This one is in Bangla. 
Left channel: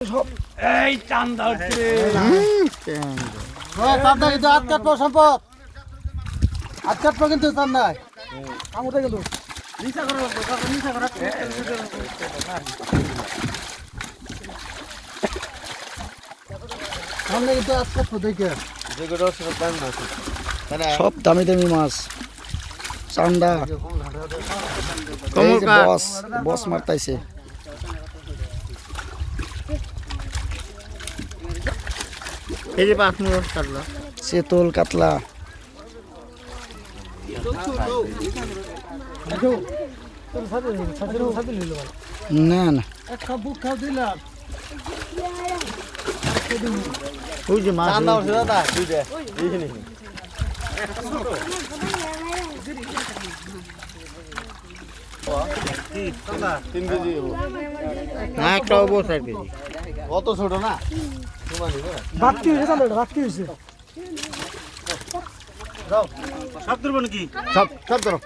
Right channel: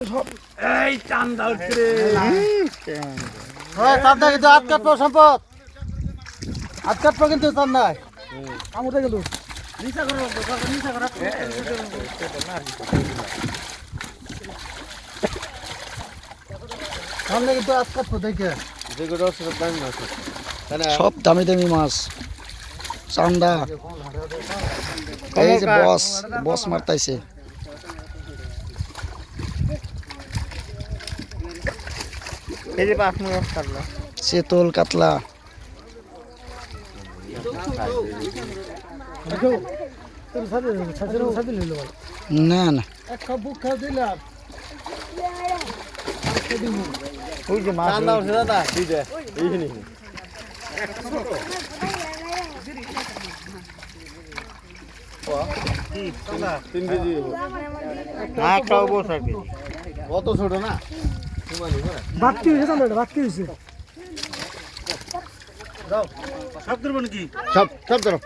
এই চান্দা উঠছে চান্দা কিন্তু হাত কাটবো সম্পদ হাত কাটবো কিন্তু চান্দায় আমাদের কিন্তু সামনে কিন্তু হাত কাটবো দেখে সব দামি দামি মাছ চান্দা এই যে বস বস মারতাইছে এই যে আপনি কাটলো চেতল কাতলা না না একটা বুক খাও দিলাম ওই যে মাছ চান্দা উঠছে দাদা দুইটা এইখানে না একটা অবস্থা কি অত ছোট না বাকি হয়েছে চান্দা বাকি হয়েছে সব ধরবো নাকি সব সব ধরো